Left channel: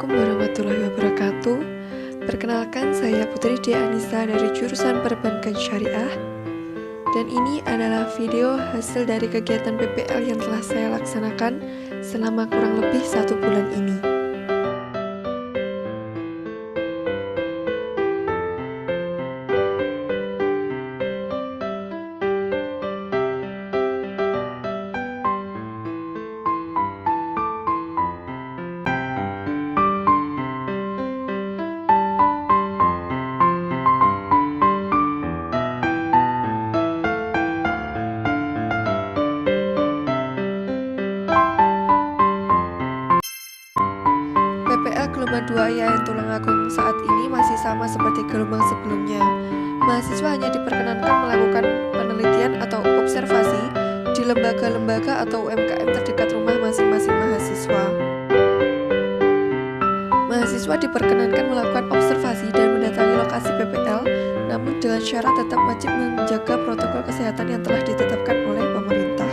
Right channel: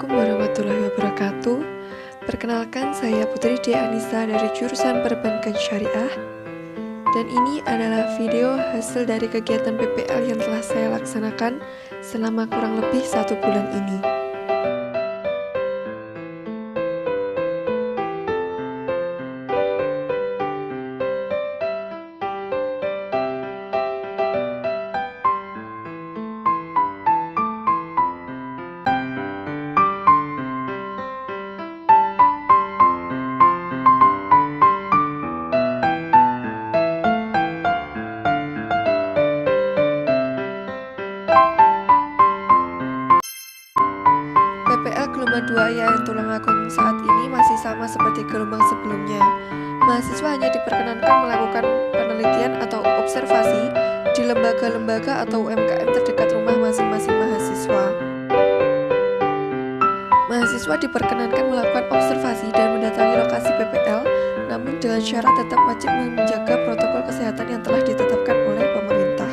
Assalamualaikum warahmatullahi wabarakatuh. Perkenalkan, saya Putri D. Anissa dari jurusan Perbankan Syariah. Dan ini adalah video hasil dari kegiatan PPL yang telah saya laksanakan selama kurang lebih 1 bulan ini. PPL gelombang 2 IAIN Tulungagung saat ini masih sama seperti gelombang sebelumnya. Mahasiswa hanya diperkenankan melakukan penelitian atau observasi di lembaga-lembaga atau UMKM terdekat rumah masing-masing mahasiswa. Mahasiswa diperkenankan melakukan observasi dan mendatangi lokasi PPL, namun dengan syarat tetap wajib menjaga protokol kesehatan yang telah ditetapkan oleh pemerintah.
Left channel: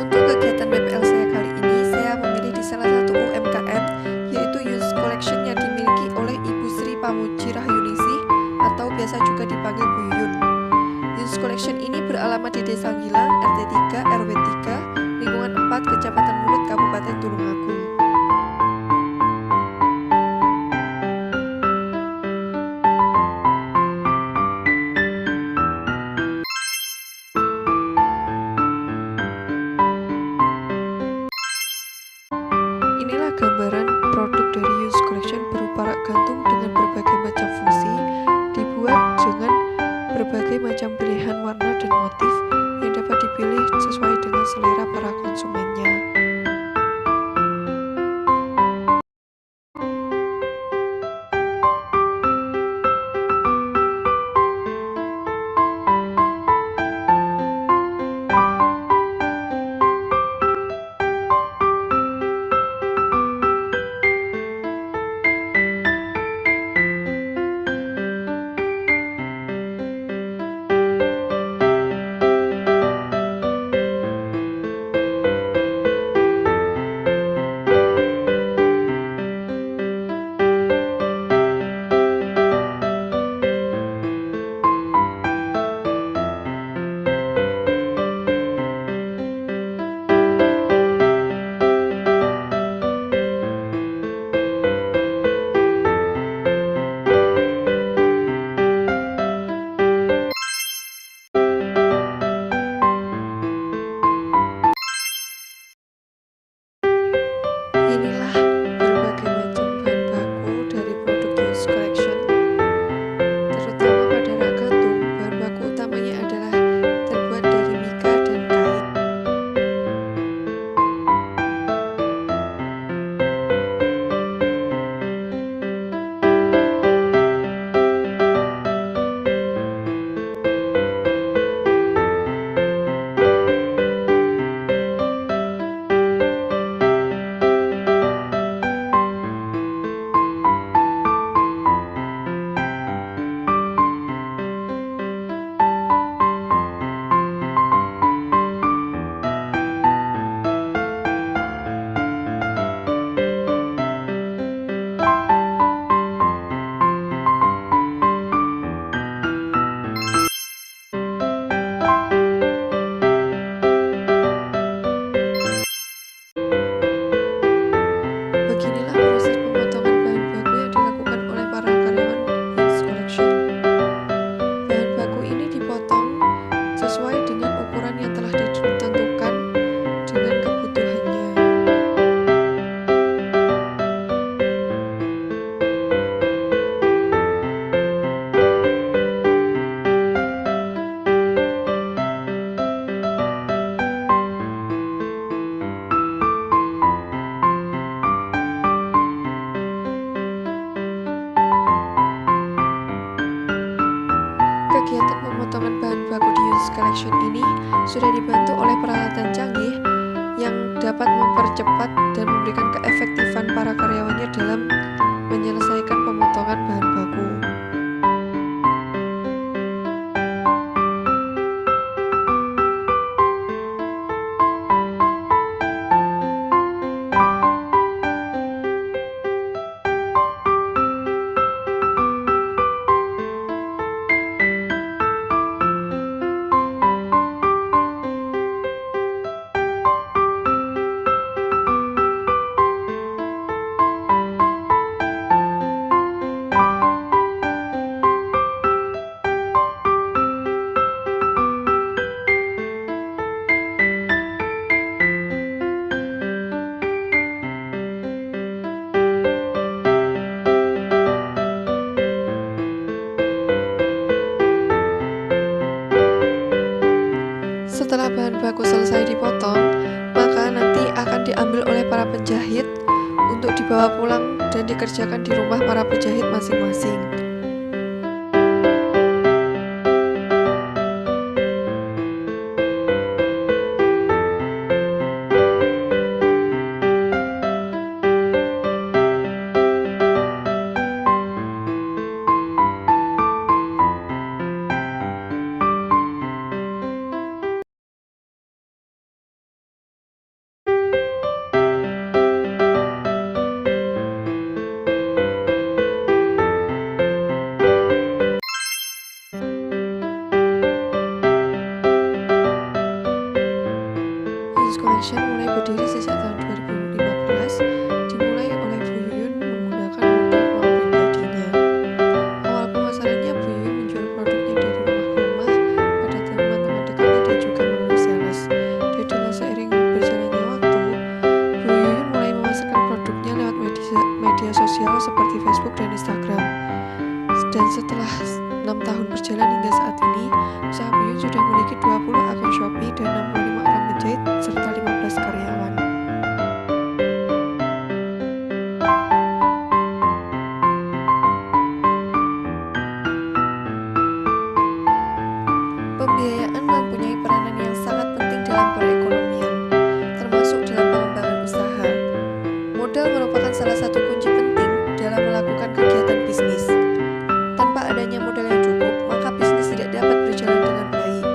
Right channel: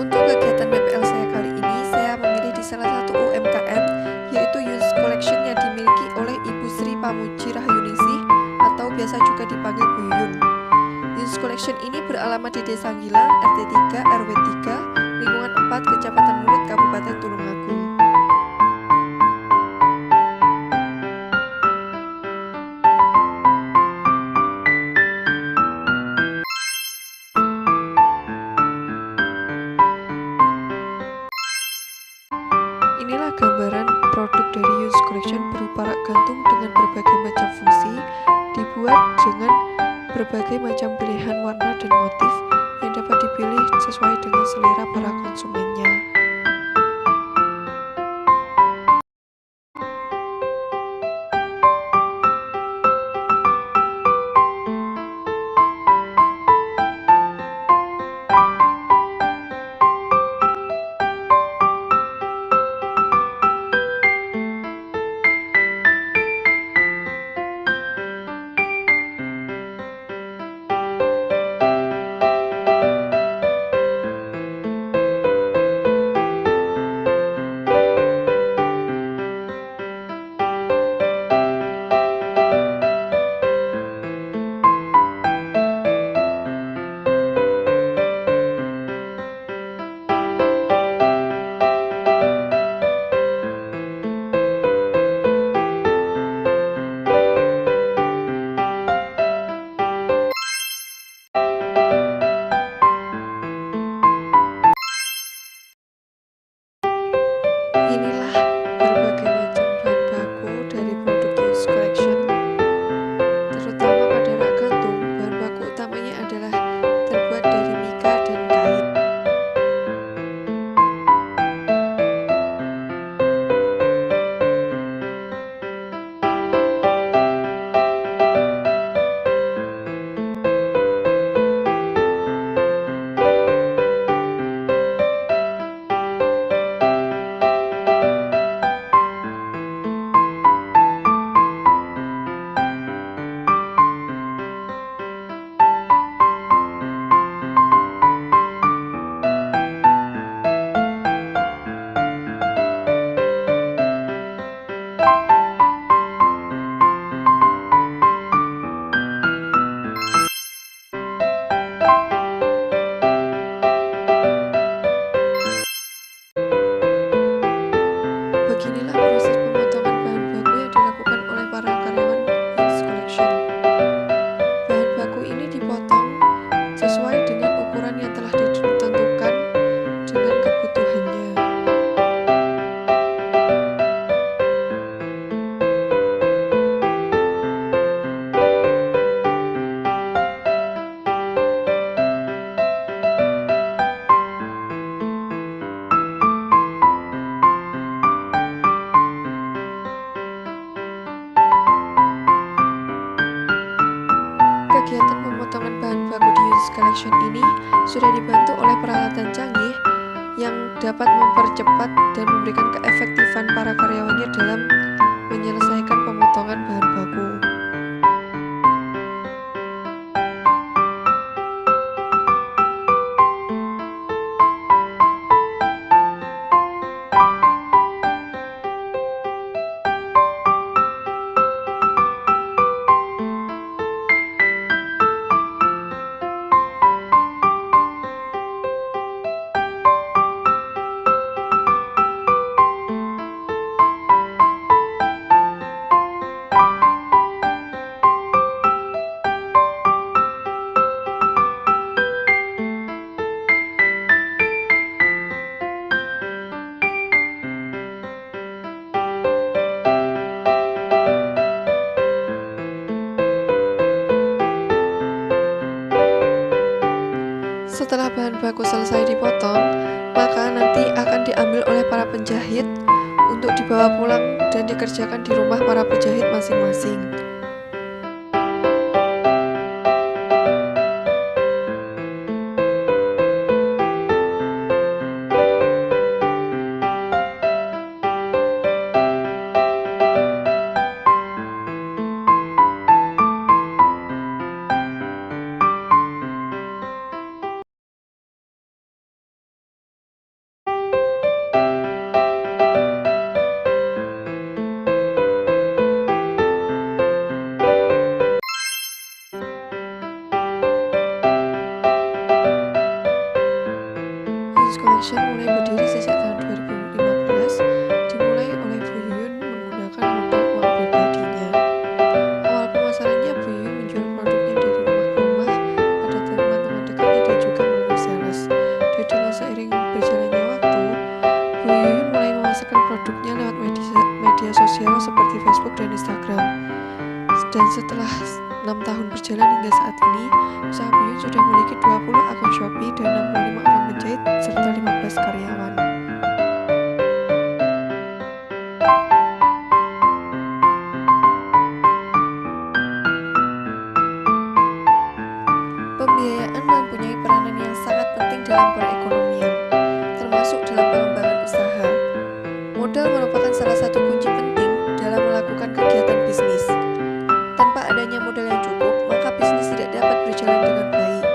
Untuk kegiatan PPL saya kali ini, saya memilih di salah satu UMKM, yaitu Yunus Collection yang dimiliki oleh Ibu Sri Pamuji Rahyuningsih atau biasa juga dipanggil Bu Yun. Yunus Collection ini beralamat di Desa Gilang, RT 3, RW 3, lingkungan 4, Kecamatan Mulut, Kabupaten Tulungagung. Inilah gambaran produk dari Yunus Collection berupa rak gantung dengan berbagai macam fungsi, dibuat dengan berbagai macam pilihan warna dan motif yang dapat dipilih sesuai dengan selera para konsumennya. Inilah berbagai macam bahan baku dari produk Yunus Collection, terutama pada rak gantung. Bahan baku utamanya adalah terbuat dari mika dan kain. Beginilah proses pemotongan bahan baku yang dilakukan oleh para karyawan Yunus Collection. Bahan baku ini dipotong sesuai dengan ukuran yang telah ditentukan dengan kebutuhannya. Kegiatan pemotongan bahan baku di Yunus Collection ini sudah dibantu oleh peralatan canggih yang dapat mempercepat dan memberikan keefektifan para karyawannya dalam menyelesaikan pemotongan bahan baku. Setelah bahan baku selesai dipotong, maka nanti akan diambil oleh para penjahit untuk dibawa pulang dan dikerjakan di rumah para penjahit masing-masing. Yunus Collection mulai berdiri sejak tahun 2015, dimulai oleh Bu Yuyun menggunakan modal uang pribadinya. Awal pemasarannya, Bu Yuyun menjual produknya dari rumah ke rumah pada teman-teman dekatnya dan juga melalui sales. Dan dengan seiring berjalannya waktu, Bu Yuyun mulai memasarkan produknya lewat media sosial seperti Facebook dan Instagram. Dan setelah 6 tahun berjalan hingga saat ini, usaha Bu Yuyun sudah memiliki 20 akun Shopee dan 65 orang penjahit serta 15 karyawan. Pembiayaan mempunyai peranan yang sangat penting dalam perekonomian, termasuk dalam pengembangan usaha. Modal merupakan salah satu kunci penting dalam melakukan kegiatan bisnis. Tanpa adanya modal yang cukup, maka bisnis tidak dapat berjalan dengan baik.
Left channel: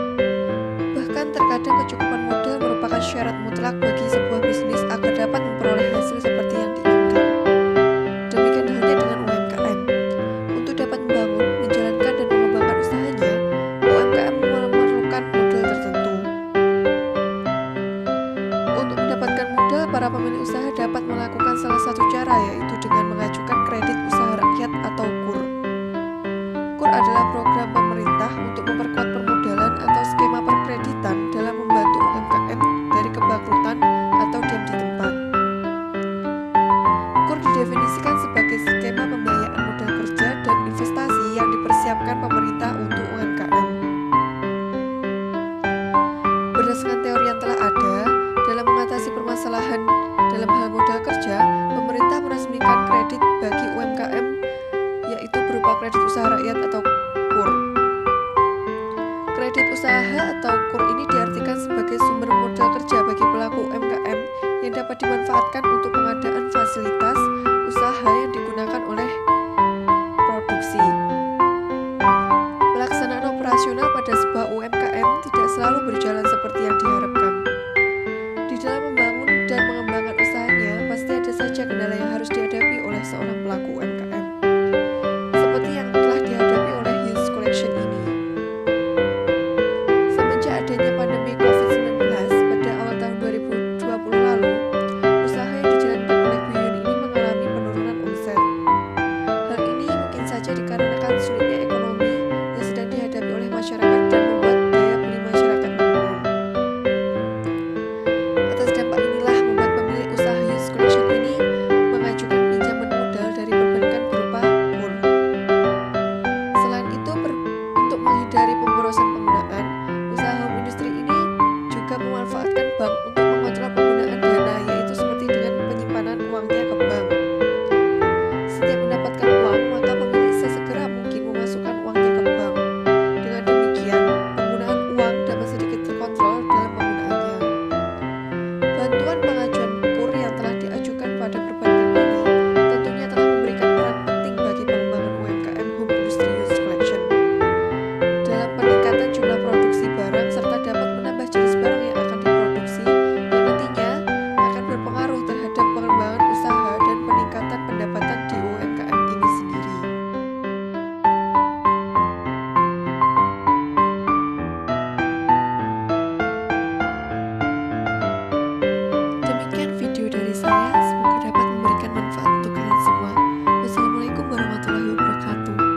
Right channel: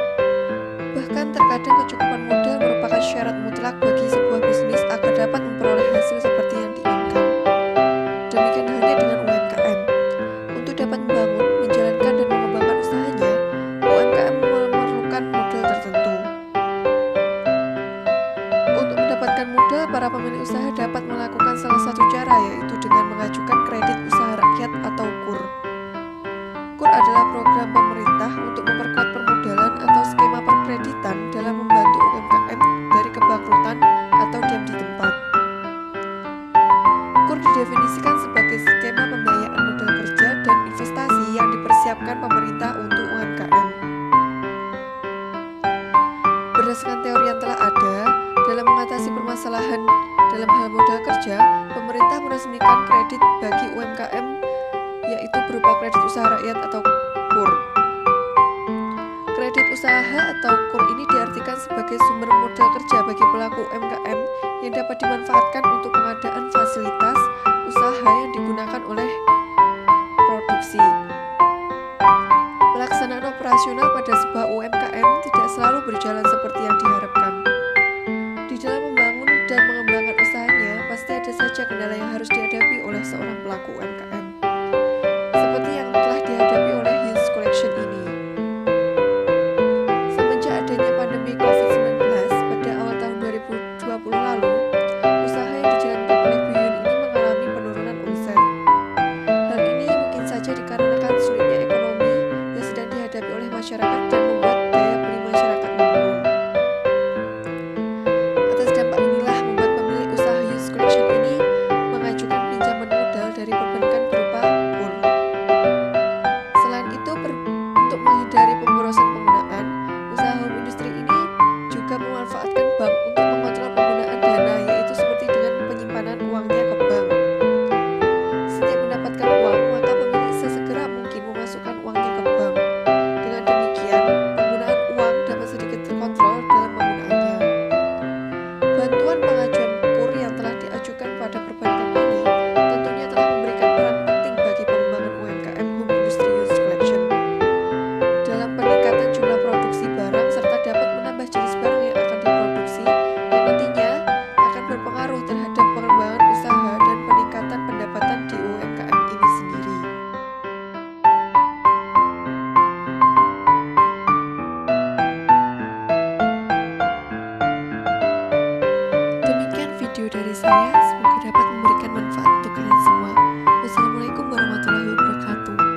Bahkan terkadang kecukupan modal merupakan syarat mutlak bagi sebuah bisnis agar dapat memperoleh hasil seperti yang diinginkan. Demikian halnya dengan UMKM. Untuk dapat membangun, menjalankan dan mengembangkan usahanya, UMKM memerlukan modal tertentu. Untuk mendapatkan modal, para pemilik usaha dapat melakukan salah satu cara, yaitu dengan mengajukan kredit usaha rakyat atau KUR. KUR adalah program pemerintah untuk memperkuat permodalan atau skema perkreditan dalam membantu UMKM dari kebangkrutan atau diam di tempat. KUR didefinisikan sebagai skema pembiayaan modal kerja dan investasi yang dipersiapkan pemerintah untuk UMKM. Berdasarkan teori yang telah ada, dalam mengatasi permasalahan dalam hal modal kerja, pemerintah meresmikan kredit bagi UMKM, yaitu berupa kredit usaha rakyat atau KUR. Kredit usaha atau KUR ini diartikan sebagai sumber modal kerja bagi pelaku UMKM yang dapat dimanfaatkan untuk pengadaan fasilitas usaha yang digunakan oleh produksi. Pelaksanaan operasional pada sebuah UMKM tidak selalu berjalan seperti yang diharapkan. Di dalam membangun dan mengembangkan usahanya, pasti ada saja kendala yang harus dihadapi oleh seorang pelaku UMKM. Seperti yang telah dihadapi oleh Yunus Collection ini. Semenjak adanya pandemi COVID-19 pada awal tahun 2020 lalu, usaha yang dijalankan oleh Bu Yuyun ini mengalami penurunan omset. Hal ini mungkin saja dikarenakan sulitnya ekonomi yang sedang dihadapi oleh masyarakat dan membuat daya beli masyarakat menurun. Atas dampak inilah membuat pemilik usaha Yunus Collection ini mengajukan pinjaman modal dari perbankan berupa KUR. Selain itu, untuk menghindari pemborosan penggunaan, usaha home industry ini juga memanfaatkan bank untuk mengontrol penggunaan dana, yaitu seperti dengan penyimpanan uangnya ke bank. Setiap mendapatkan uang, maka pemilik sesegera mungkin memasukkan uangnya ke bank. Dengan demikian, penggunaan uang dapat sedikit terkontrol dalam penggunaannya. Bantuan pengajuan KUR yang telah diajukan pada perbankan ini tentunya telah memberikan peran penting bagi pengembangan UMKM home industry Yunus Collection dalam peningkatan jumlah produksi barang serta dapat menambah jenis barang yang akan diproduksi yang nantinya akan berpengaruh terhadap pengembangan usaha dan peningkatan pendapatan di UMKM ini sendiri. Demikian video dari saya, semoga dapat memberikan manfaat untuk kalian semua. Wassalamualaikum warahmatullahi wabarakatuh.